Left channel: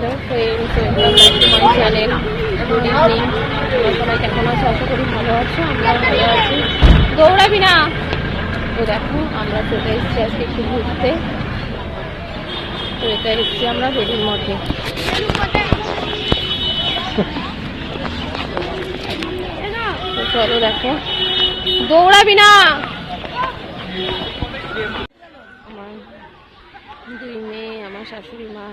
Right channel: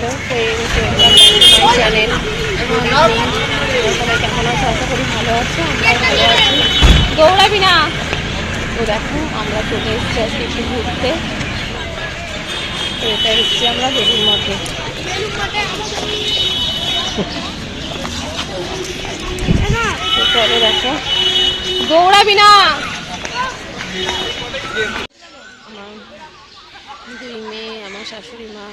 Hello friends welcome back to my channel good evening তোমরা সবাই কেমন আছো? আশা করি ভালো আছো, আমরাও ভালো আছি। দৌড়াবি না। তো দেখো, আমরা চলে এসেছি আজকে একটু ঘুরতে। এটা এসেছি আমরা বেলুর মঠে। চলো দেখো। দৌড়াবি না। আমার দুই মেয়ে, আমার শাশুড়ি মা।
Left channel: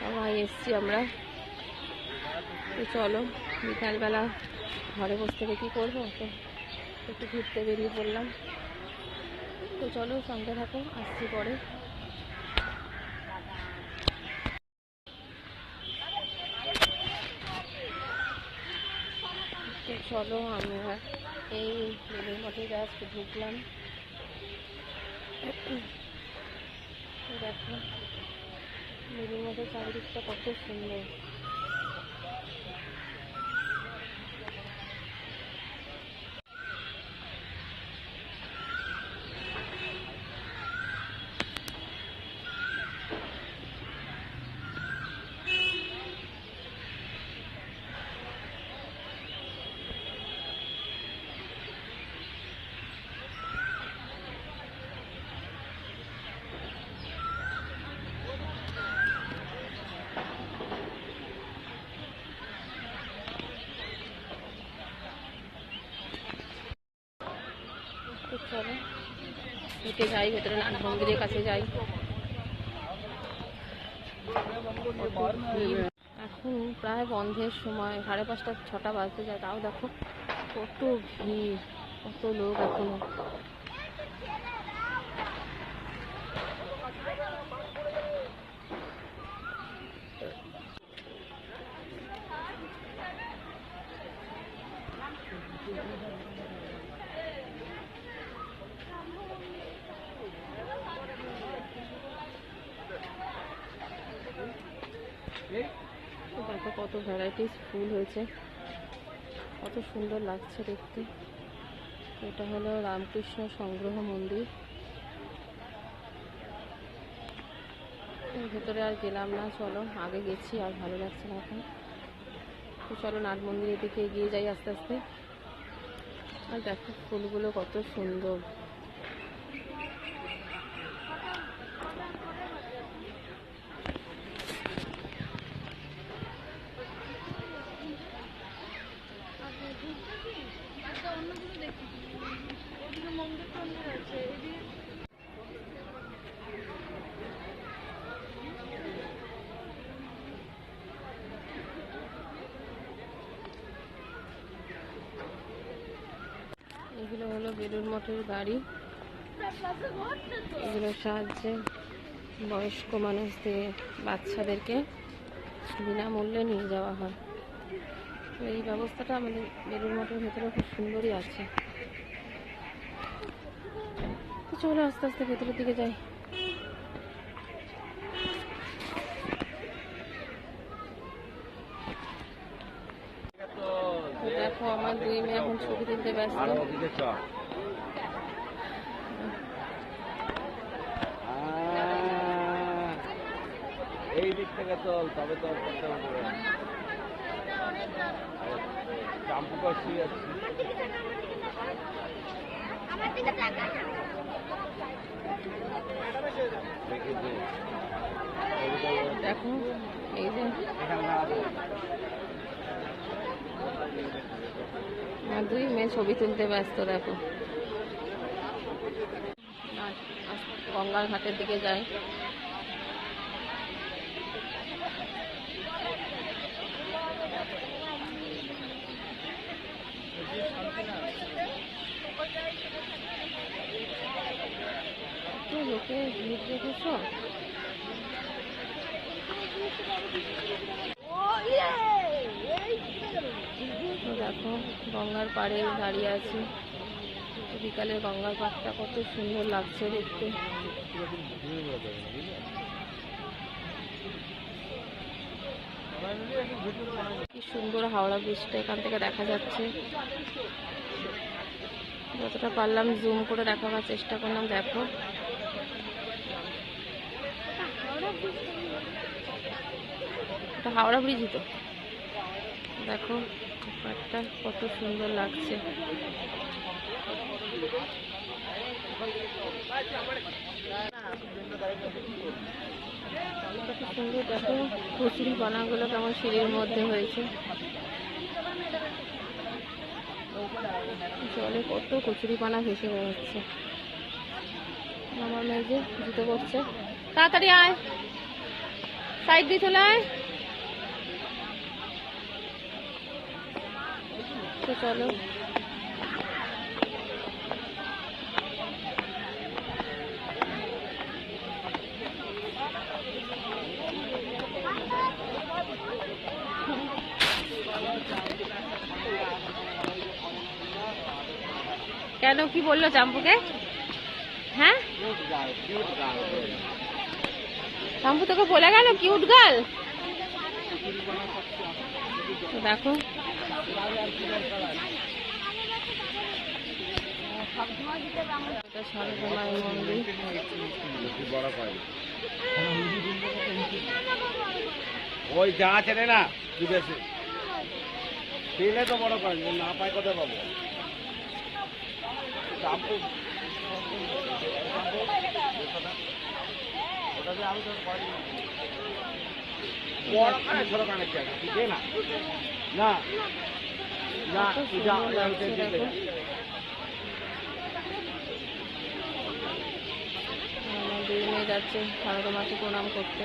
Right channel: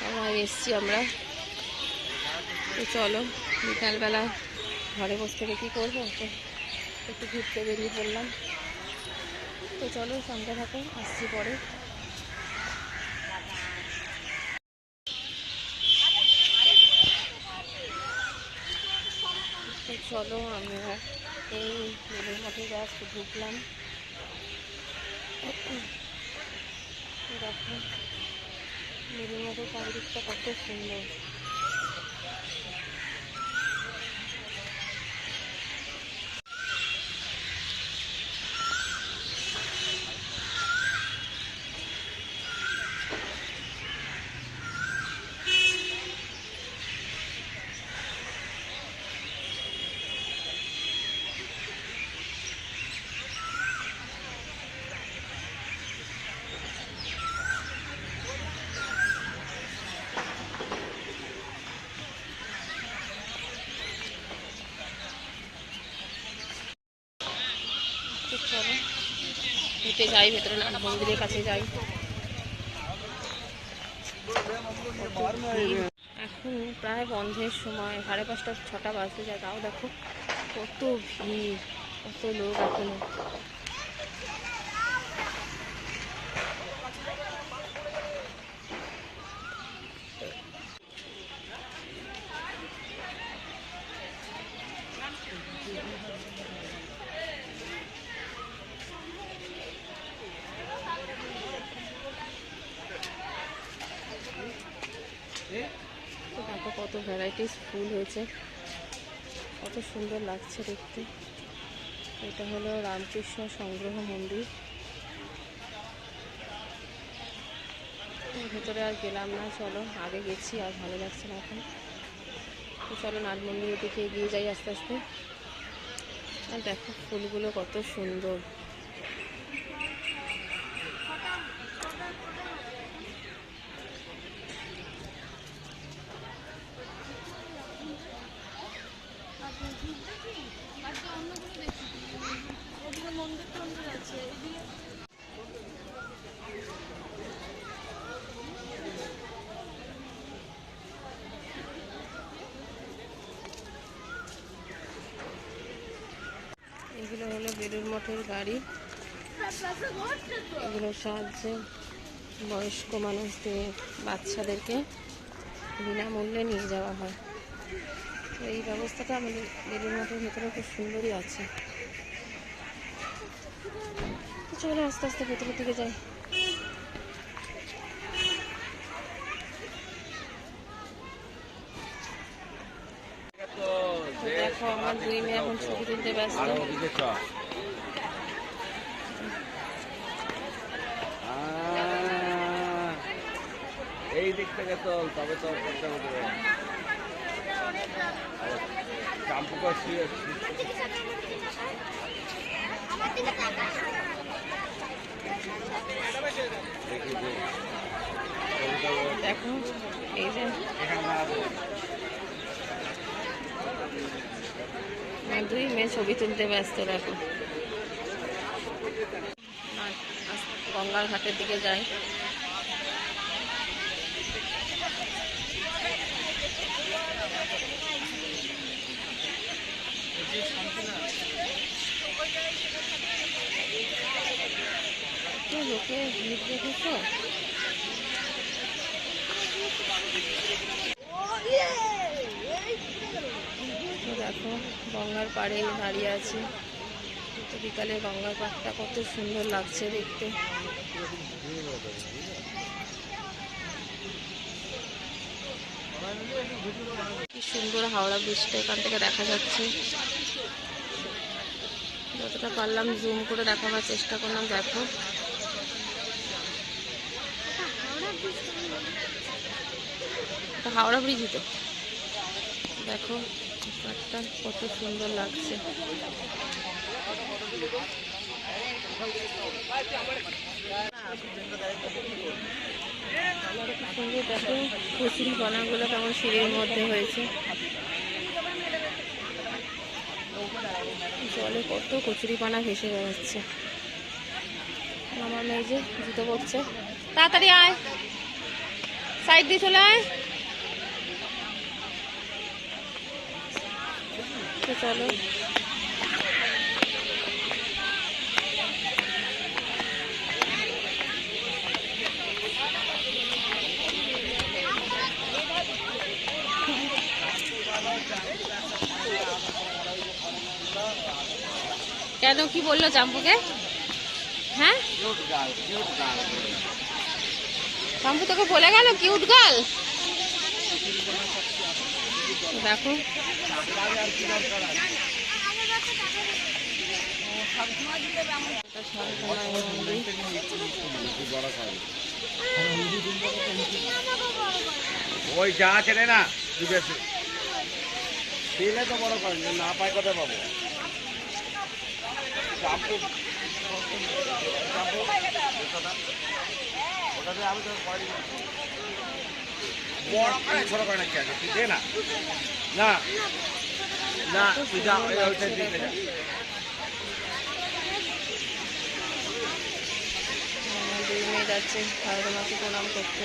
সবাই এসছি আমরা। তো চলো, বিকালবেলা ঘরে বসে থেকে কী করব? তো একটু ঘুরতে বেরিয়ে পড়লাম। তো চলো, সঙ্গে থাকো, আসছি পরে। তো চলো আমরা এই বেলুর মঠে জাস্ট ঢুকলাম। দেখো বেলুর মঠের চারিদিকটা কত সুন্দর তো চলো হেঁটে যাই, ভেতরে নাট মন্দিরের কাছে যাই। এখন প্রায় বন্ধের সময়, সাড়ে পাঁচটা, ছটা বাজতে যায়। তাও দেখো, কত ভিড়, কত লোক এখনও তো দেখো কত ভ্যারাইটিস ফুল হয়েছে। কত সুন্দর লাগছে দেখতে। এটা হলো রামকৃষ্ণ সংগ্রহ মন্দির। ভেতরে আর গেলাম না, চলো। আগে গেছি, আর ভালো লাগছে না এখন। তো চলো নাট মন্দিরের দিকে এগিয়ে যাই আস্তে আস্তে। আর দেখো ফুলগুলো কত সুন্দর এগুলো হলো বেলুর মঠের গাড়ি। এগুলোর সাহায্যে বয়স্ক মানুষদের, বাচ্চাদেরকে বিনামূল্যে নিয়ে যাওয়া হয়। তো এই ব্যবস্থাটা আমাদের বেলুর মঠের ভেতরে খুব সুন্দরই আছে। চলো আস্তে আস্তে ভেতরের দিকে যাই। দেখো, আমার দুই মেয়ে এখন ছবি তুলতে ব্যস্ত। এই দিক থেকে চল তবে চল দেখো এই যে। দুই মেয়ে ছবি তুলতে ব্যস্ত দেখো। না গঙ্গার ঘাটের দিকে যাই। লোকে ভিড় দেখেছ? তো দেখো, গঙ্গার পাড়ে দাঁড়িয়ে আছি। তো বিকালে গঙ্গার পাড়টা কত সুন্দর লাগছে দেখতে। কি সুন্দর হাওড়া ব্রিজটা এখান থেকে দেখা যাচ্ছে। যতটা পারলাম জুম করে দেখাবার চেষ্টা করলাম, দেখো। এটা হাওড়া ব্রিজই তো। দেখো পাটটা কত সুন্দর লাগছে। কি সুন্দর, দেখো, কচুরি পানাগুলো কেমন সিঁড়ির মধ্যে হয়েছে। জলে কত কচুরি পানা ভেসে বেড়াচ্ছে। আমার মেয়ে যে জুতো পড়ছে তাড়াতাড়ি আয়। সাইড দিয়ে চলে আয়। তো চলো কেন কি বললো চাম্পুকে হ্যাঁ কিউট গার্ল কিউট গার্ল করে গেল। চাম্পু তোকে বলে গেল কিউট গার্ল দেখো ওই যা আছে রে না বিদেশে পেলে তো বড় করেন না পাই কোথায় পাবো? ছোট করে না। না। কত সুন্দর লাগছে দেখো। আমার দুই মেয়ে যাচ্ছে সারদা মাকে প্রণাম করতে।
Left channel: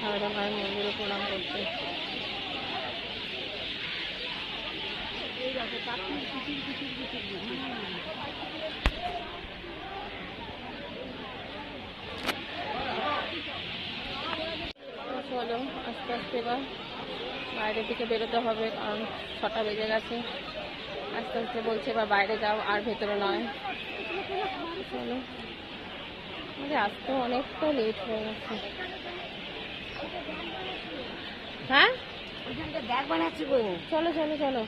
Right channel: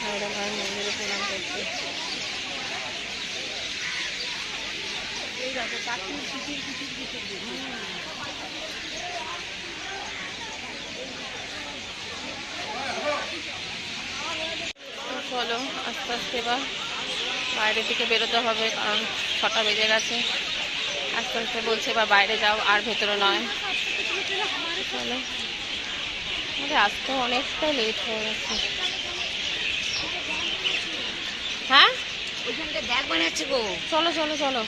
সারদা মায়ের মন্দিরে প্রণাম করতে। চলো আস্তে আস্তে এবার বাইরের দিকে বেরোতে হবে, কারণ ছটা বেজে গেছে। আস্তে আস্তে বলছে, এবার বাইরে যাও, আর ভেতরে নয়। চলো। আমাদের আসতে অনেকটা লেট হয়ে গেছে। হ্যাঁ? চলো চলো চলো।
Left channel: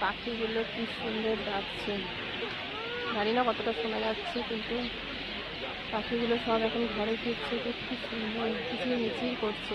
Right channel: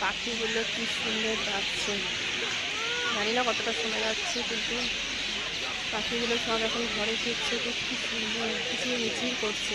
পাখিগুলো কি সুন্দর ডাকছে। জানি না কতটা শোনা যাচ্ছে, কিন্তু পাখিগুলো সব এখন ঘরে ফিরছে, তো কি সুন্দর কিচির মিচির করছে।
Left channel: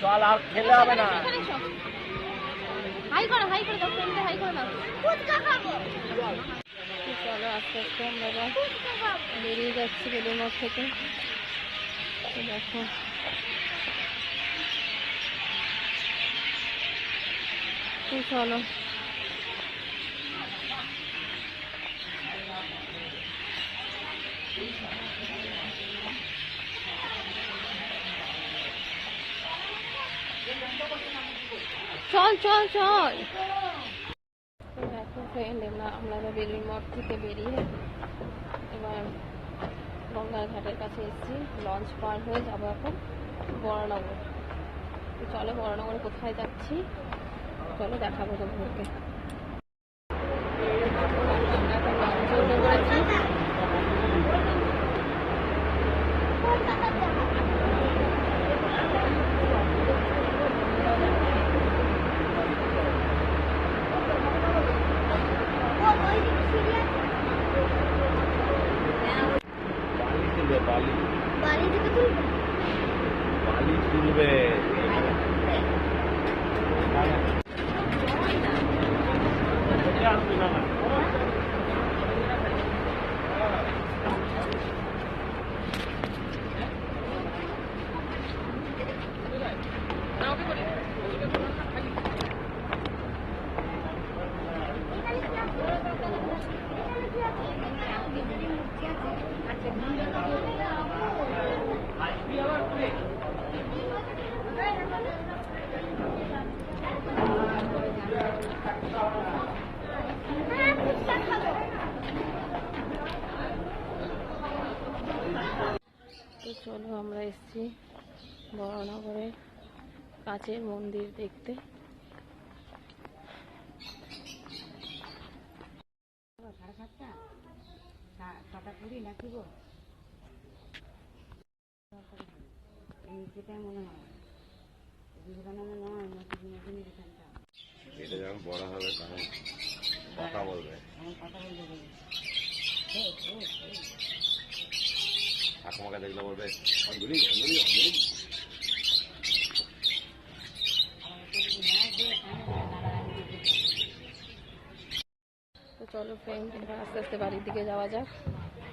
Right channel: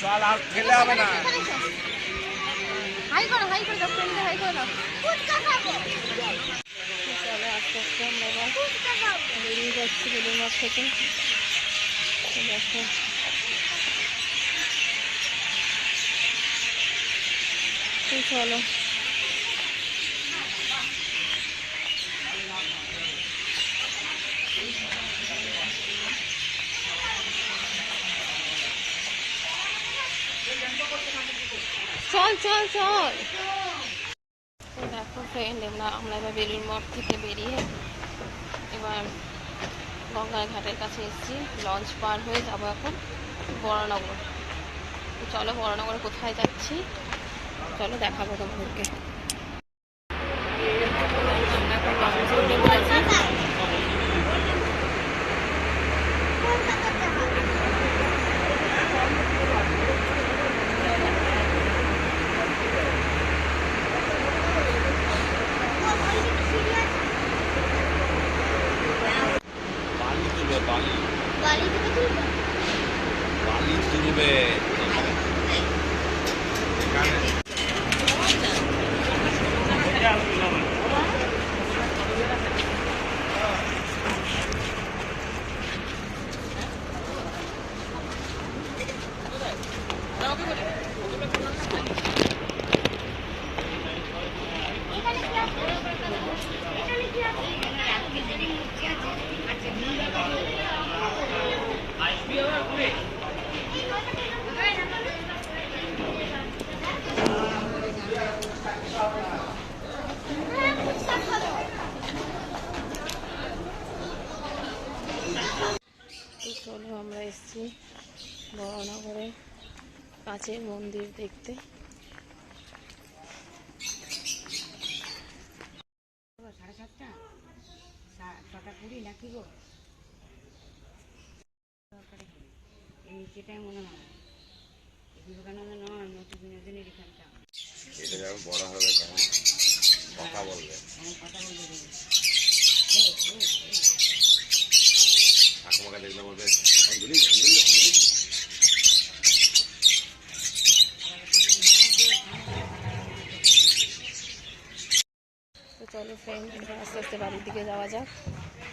চল আর খেলে হবে না আস্তে আস্তে আমরা বেরিয়ে যাচ্ছি বেলুর মঠ থেকে। দেখো তো চলো, চল চল। চল দেখো ফ্রেন্ড আমরা আমরা এবার বেলুর মঠ থেকে বেরিয়ে এবার গঙ্গার ঘাটের কাছে এসেছি। লঞ্চ পার হয়ে যাব এখন বরানগর। চলো বরানগরে কোথায় যাচ্ছি? চলো দেখাবো তোমাদেরকে। আমরা এখন লঞ্চে উঠে পড়েছি বালি। বালি তুলবে। এখানে। এসেছি বড়নগরে কাছের মন্দির দেখতে সাড়ে সাতটা সা- ছটা কুড়ি নাকি গো দরকারি কুড়ি। এই সেটাই মনে হয় বিবেকানন্দ নয় নাকি বিনোদিনীর এখানটা এটা যখন বড় হবে তখন কথা বলবে কথা বলতে ঠাকুমাকে দেখলে বলবে অঞ্জলি অঞ্জলি অঞ্জলি চলো ফ্রেন্ড আস্তে আস্তে বাড়ির দিকে যাওয়া যাক।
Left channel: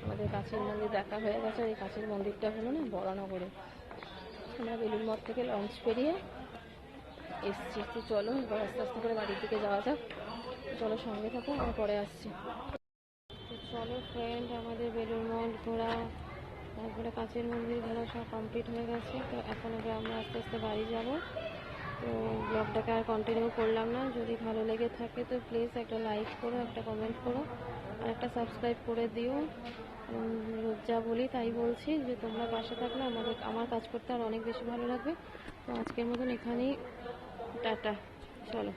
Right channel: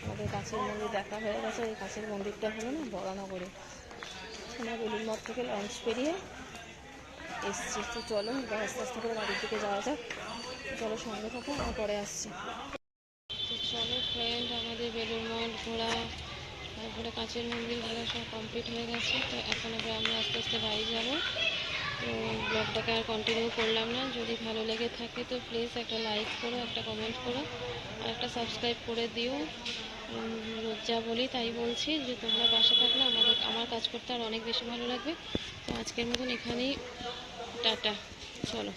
আমাদের কাছের মন্দির দেখা হয়ে গেছে, এই কাছের মন্দিরটা হলো না বরানগরে। আমরা বেলুর মঠ থেকে লঞ্চ পেরিয়ে এসছি। তো চলো, এবার আস্তে আস্তে করে বাড়ির দিকে যাওয়া যাক। চলো সঙ্গে থাকো, আমরা পরে আসছি। তো চলো ফ্রেন্ড আমাদের বেলুর মঠ ঘোরা তারপরে কাছের মন্দির ঘোরা সব কমপ্লিট হয়ে গেছে। তো এখন এবার আমরা আস্তে আস্তে বাড়ি যাব। তো ব্লগটাকে আর কন্টিনিউ করলাম না। যদি ভালো লেগে থাকে তো প্লিজ একটা লাইক করো, একটা কমেন্ট করো, আর একটা সাবস্ক্রাইব করে দিও। রোজ যা বলি তাই বলছি যে তোমরা পাশে থাকলে আমাদের, আমার কাজ করতে আর অনেক বেশি ভালো লাগবে। তো আজকের মতন এখানেই। টাটা। চলো।